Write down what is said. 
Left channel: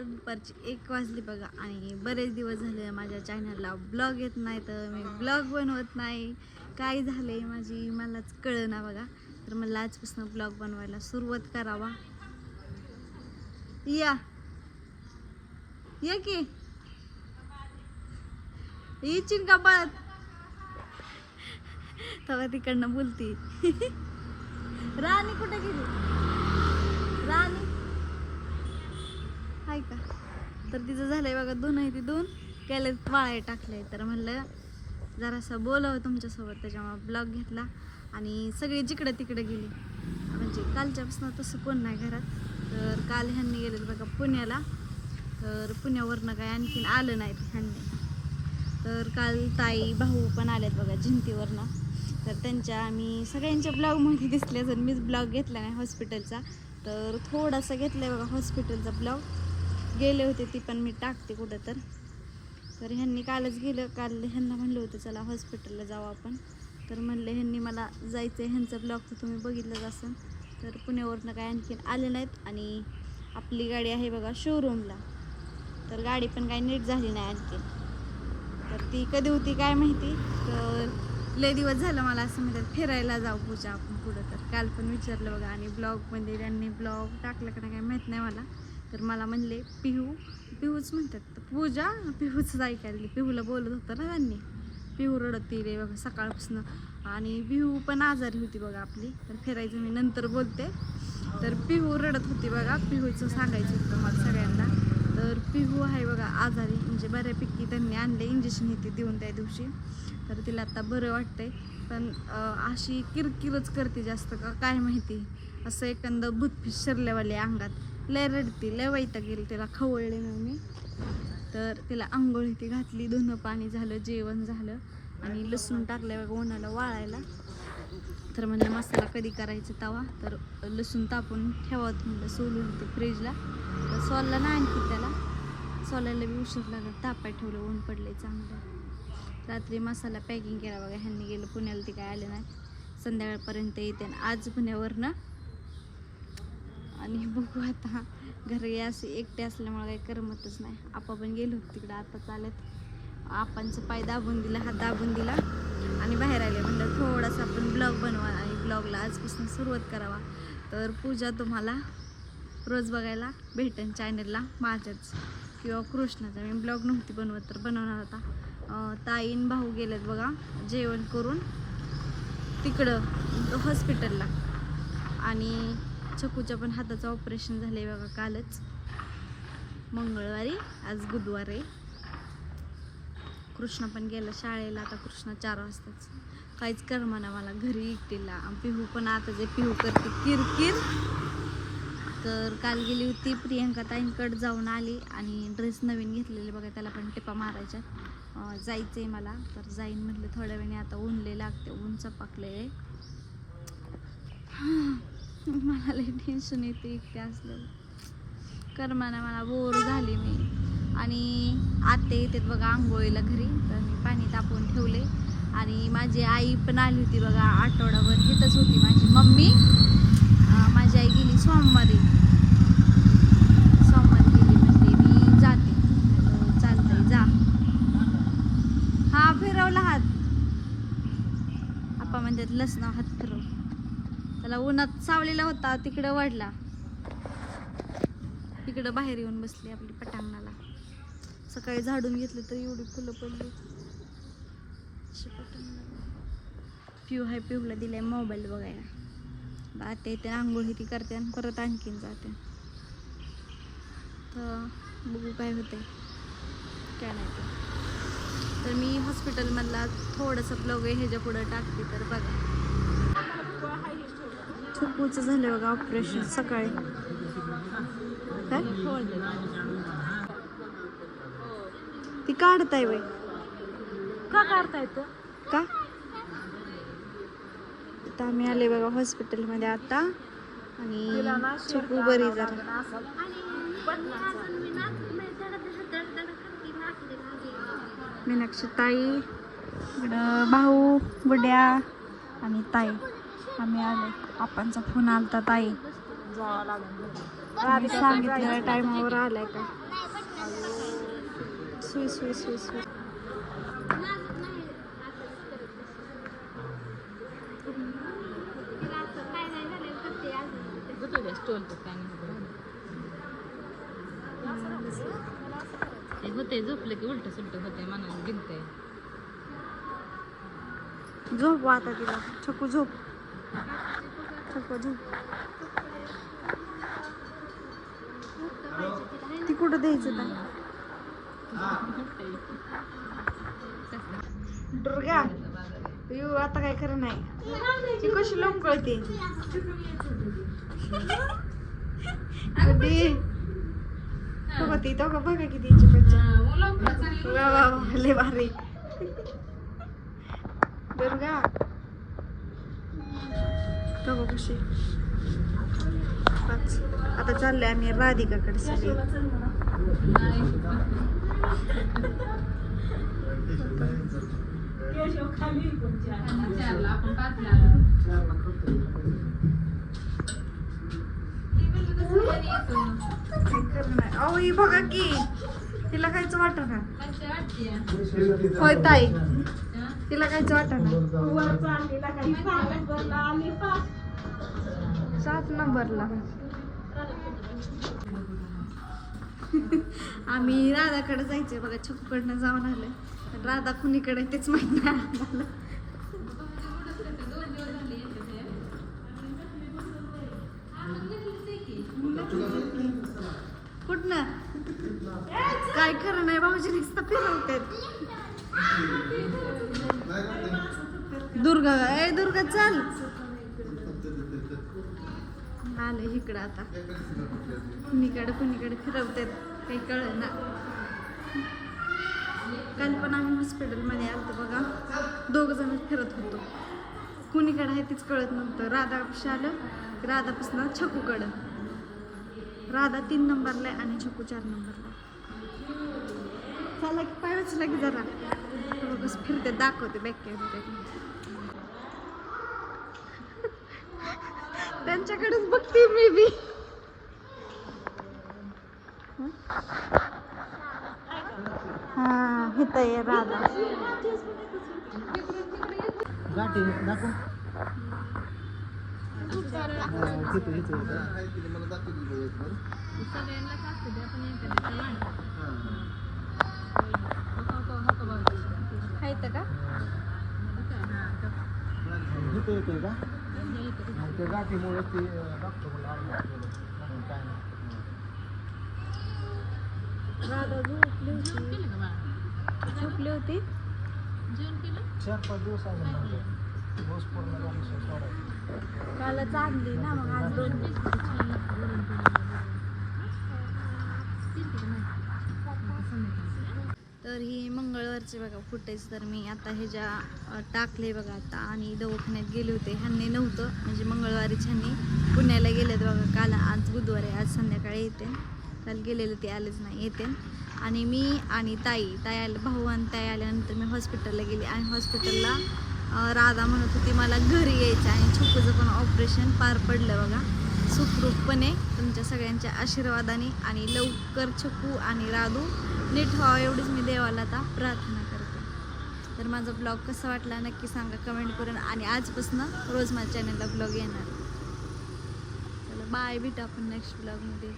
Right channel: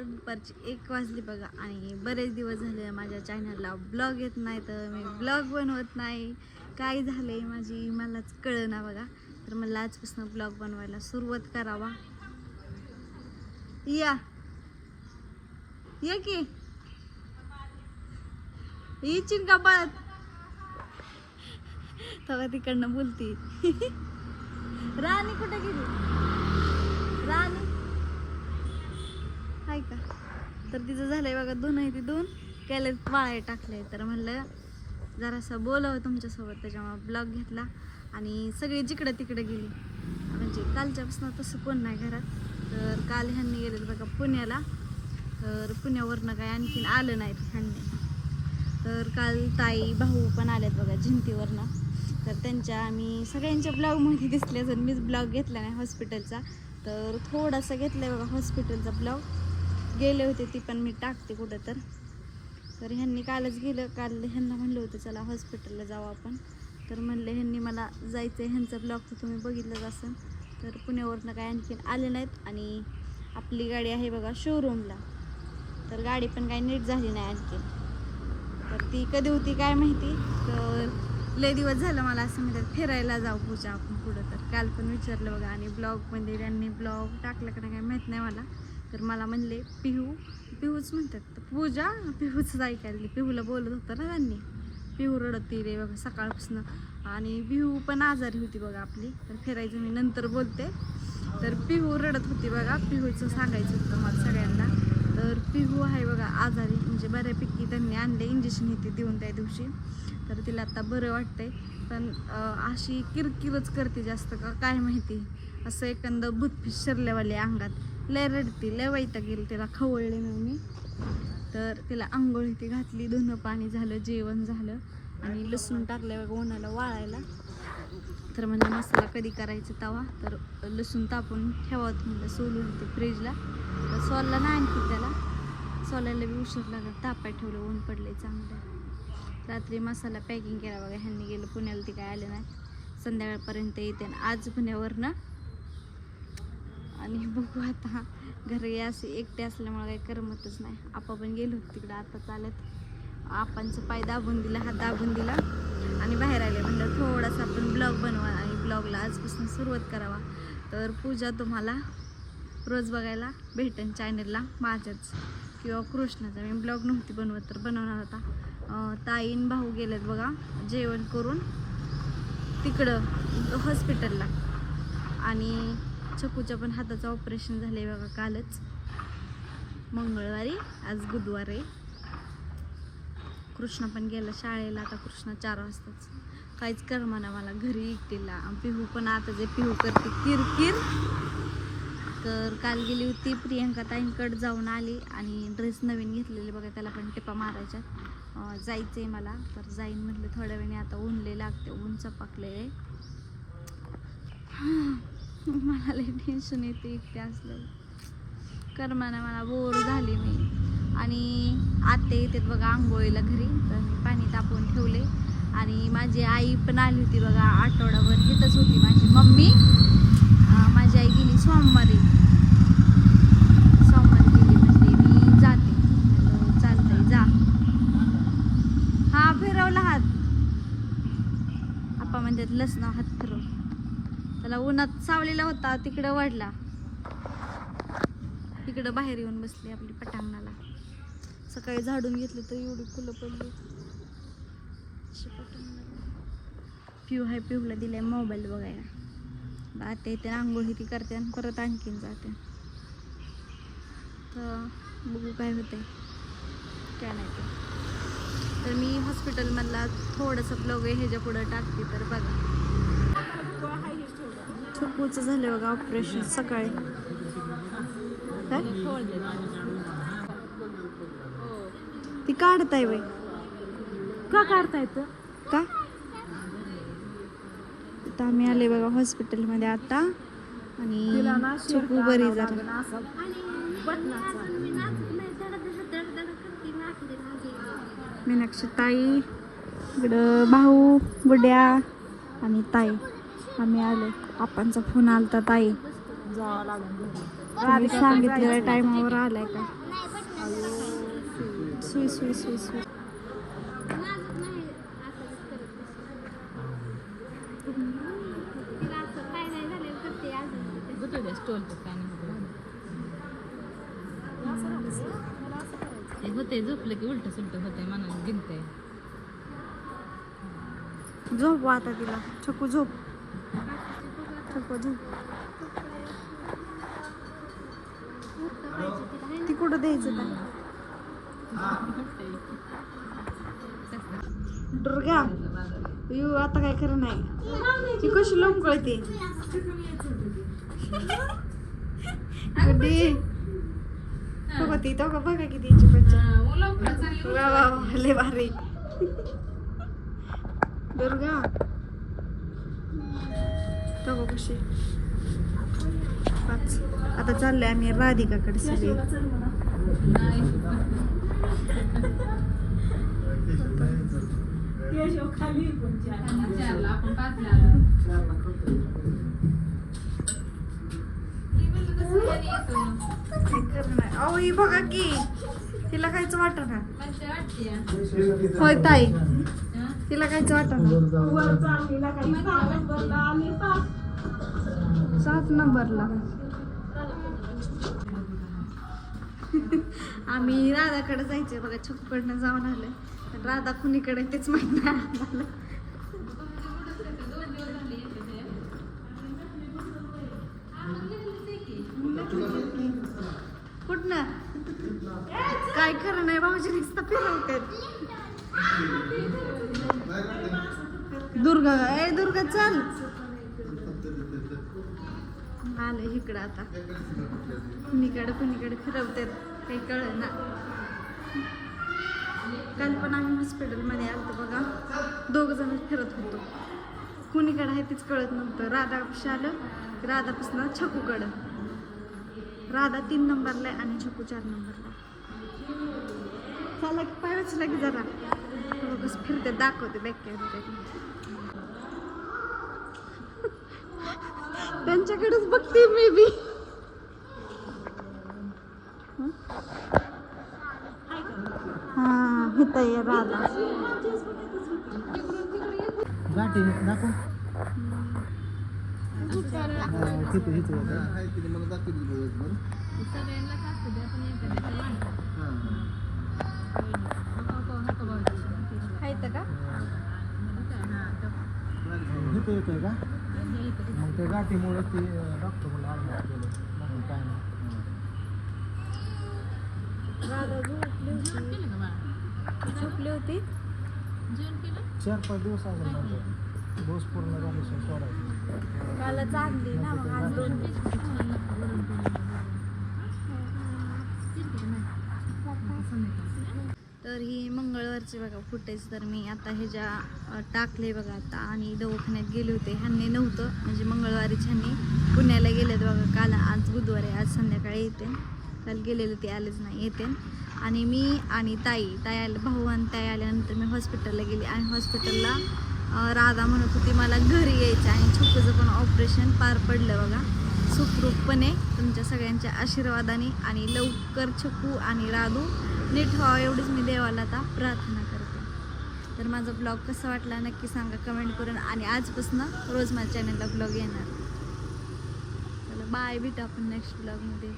तर दुपारची एक वाजली बघा. आणि बरेच दिवस झाले माझ्या चॅनलला ब्लॉग येत नाही तर मी ब्लॉग बनवत नाही. काय झालंय माझी मलाच कळना बघा. तर मला आजपासून ब्लॉग बनवायला सुरुवात करावा. या. या की. येशील का पळत तेव्हा तिकडनं बोलती. राणी कुठे गेली? राणी झालंय बघा दोन आहे ते दोन. त्याला वाळे टाकले तर म्हणलं जरासं बोलावं तुमच्यासोबत त्याच्यामुळे ब्लॉग घेतला. आणि सगळी जिकडं तिकडं गेली. म्हणजे कालच्यापासून तसं कोण नाही घरात. तर काल ह्यांनी गेलेलं बघा पुण्याला. तर पुण्यावरनं काय आणखीन आलं नाही ह्यांनी. तर काल ताई भाऊ पण आल्यात बघा जिंतीवरनं. तर त्यांच्या आम्ही सगळ्यांच्या ब्लॉगमध्ये दिसले जर मीच ब्लॉग घेतला नाही हॉस्पिटलचा तर थोडासा घेतला आहे बघा हॉस्पिटलचा ब्लॉग गेले होते ती पण मी टाकते कुठं तर. तर ह्यांनी कालच गेलं काल ह्यांना म्हणलं होतं चला हॉस्पिटलला जाऊ आपण. तर म्हणले ह्यांनी मला जायचं आहे ह्यांचा ब्लॉग तर तुम्ही बघितलंच असेल. तर पुण्यावरनं काय आणखीन आले नाहीत आणि आपली गाडी आहे बघा शोरूमला तर गाडी पण काही नीट झाली नाही आणखी. तर ती कधी होती काय माहिती? तर लय दिवस झालं मला असं म्हणतात फिरायला जाऊ पूजा आपण पुढं तर. काल पण विचारलं बघा आणि ब्लॉगमध्ये त्यांनी ब्लॉग टाकलं का नाही काय माहीत नाही मला. तर मला म्हणले पिहू पिहूच म्हणतात. तर पूजा पिहूच ऐकायला पिहूला बोलत होतं ना त्यांनी. पिहू रडत रे बघा सकाळपासून. आणि पिहू पण आजारी होती बघा आपली. तर फिरायचं मी नंतर बोलते. तर पिहू रडत होती बघा. पिहूचं सांगायचं होतं मला सगळ्यांना. तर पिहू आहे बघा आजारी. म्हणजे बऱ्यापैकी त्यांनी आणले इंजेक्शन येते देऊन त्या दिवशी. तर तिला आता बरं वाटतंय. पण अशी किरकिरच करते जास्त का? काय माहिती? असं एकंदर भूत शिरल्यावाले अंगात. लय रडती लय वैता गेली तिला खवळले मी. तर तिला आंघोळ ती घातली धुणं पाणी झालं जेवण झालं आणि लसूण टाकल्यावर उन्हाला वाळायला. तर म्हणजे मसाला कधी करायचा तवा? तर लसूण तापून ठेवा म्हणलं सोलून ते फ्रीजला तर सोलला ना आणखी त्याला. सोलायला बी उशीर लागला तापाय ठेवलं ऊन पडले चांगलं. रात्री मसाला पॅकिंग केला बघा ह्यांनी गेलं पुण्याला ते काय आले नाही संध्याकाळपर्यंत येते आणि आज पुण्यावरनं आणि बघू आता. घरी असे एकटे असल्यामुळे काही करमतच नाही. आपा पण गेलो होतो तिकडं आता चालत आपणचं पाय दाबून दिला हात दाबून दिला. आणि बाहेर आले म्हणलं थोडासा आपण ब्लॉग बनवा आणि ब्लॉगला आजपासून सुरुवात करावा. तर पूजा तुम्हाला रोज बघायला भेटेन चॅनलला माझ्याच. किंवा कृष्णाचा. मी ब्लॉग नव्हती बनवत तर बनवणार होता. ताईन भाऊ गेलेत बघा जेवण करून तिकडं हॉस्पिटलला आणि चकूच्या पण हाताचं ऑपरेशन झालंय बघा कालच. मंगळवारी आज बुधवार आहे. कृष्ण पण गेला शाळेला आता कृष्णा चार वाजताच. काहीच करमाना मला घरी एकटीला. पिहू पण आता जे पिहू करते किरकिर. तर काल गेली होती प्रियंका ताईंकडे जाऊन आली आणि ड्रेस नवीन घेतलेले बघा त्याला पण टिपा मारायच्या. जायचं जायचंय मला. तर जाईन म्हटलं थोड्या वेळाने आता ऊनले लागते ऊन चपाकले मला लई टेन्शन येते एकटे असल्यावर. करमाना मला बोर झाली मी. आणि आते येतात बघा आंघोळीला घरी. तर मी पाणी तापवून ठेवले. आणि माझी आई पण आली होती बघा आठवडाभर तिथंच होती माझी मम्मी अं, माझी आई गेली सोमवारी सोमवारी गेली म्हणजे मी जाते म्हणलं, चालतंय जा हा फिरवला हात आपा म्हणतात लसणं हात फिरव त्याला उन्हात सावलेला होता तिकडं वडला. तिकडं बाहेर येऊन बसली आपली पटांगणाला. सकाळी झाडून घेतली तर एवढी फुलं पडली. अशी पिऊ हाय पिऊला दिलाय मोबाईल बघायला. आता इथे आंघोळ ती करते आणि परत आणखीन जाते. तर बघू काय होतंय. काय नाही. तर मी हॉस्पिटलमधला थोडंसं ब्लॉग आहे ह्याच्या पुढं टाकते तर बघा. चुकूचं झालं बघा ऑपरेशन सकाळी. ती काढताय बाई. का काढता येतं का? आता आम्ही आले बघा हॉस्पिटलमध्ये आता. आणि चुकू बरी झाली. मीनाक्षी ताई इकडं भाऊ गुड्या आणि ताई. आम्ही आलो. आपणचा फोन आलता ताई. जावं लागेल तुम्ही सांगितलेल्या टायमावर आलाय का? सुई सुई सुई सुई. होते झोपलं की उलट सुलट होते मनाला गिनतंय झोप आता तिला. छकू झोप. छकू ती कुठं द्यायचं दुर्गा यू आता काय खरं नाही. ती कशी लोक कळते बघा ती तो बघा किती हिची वा वा वा लय भारी. दुर्गा. बघा कशी. पाच. आता चाललंय आम्ही राधिकाकडे सगळे. अहो, बघा की. तिला काहीच वाटत ना होय ताई. तिला वाटत हा. सात नंबरला. आम्ही राधाकडे जायचंय बघा छकूकडनं जाऊन आलोय. पण राधा कुणीकडे तेच माहीत नाही कुठनं? काय खरं नाही भाऊजी नुसतं फिरवतात. दुर्ग ए दुर्गा चल. आले इकडं आता. कुणीकडे कुणीकडे फिरवतात काही कळलं ना काल पण आम्ही हॉस्पिटलमध्ये आलतो बघा. दोघ जण फिरत होतो. कुणीकडे आहे तेच कळत नव्हतं. राधापाशी आलं. राधापासून छकूकडं. राधा तीन नंबरला आहे आणि छकू चार नंबरला चला पायच लगे जरा. बस फिरते दाखवते बॅक त्यांच्याकडेच बघते मी बी. हा इथं आहे राधा. राधा झोपली होती झोपली होती? चार पाच दिवस आले डोस पूर्ण झाल्याशिवाय सोडायचं. काल चांगली ना मग आज दोन तर ही प्रकारचे बघा फुटेज तर मी आता हे ज्या टाकले बघा आता आणि दवाखान्यात गेले होते. ह्यांनी नव्हतं. म्हणजे मंगळवारीच ह्यांनी पुण्याला गेलेत बघा. काल आज बुधवारी आज संध्याकाळी येते. काल गेलेले ते आलेच नाही. येते. आणि मी आणि ताई ताई आले भाऊ आणि ताई आल्यानंतर मी हॉस्पिटलला गेली आणि हॉस्पिटलला राधा म्हणत होती मला घरी यायचं आणि छोकूचं पण ऑपरेशन पार पडलं बघा. सुखरूपपणे तुमच्या सगळ्यांच्या आशीर्वादाने आणि लवकर छकू आणि राधू नीट व्हावं एवढीच मी देवाला आता प्रार्थना करते. तर माझा ब्लॉग कसा वाटला नक्की सांगा कमेंट करून आणि आजपासून रोज माझ्या चॅनलला ब्लॉग येणार. चला बाय भेटू आपण नेक्स्ट ब्लॉगमध्ये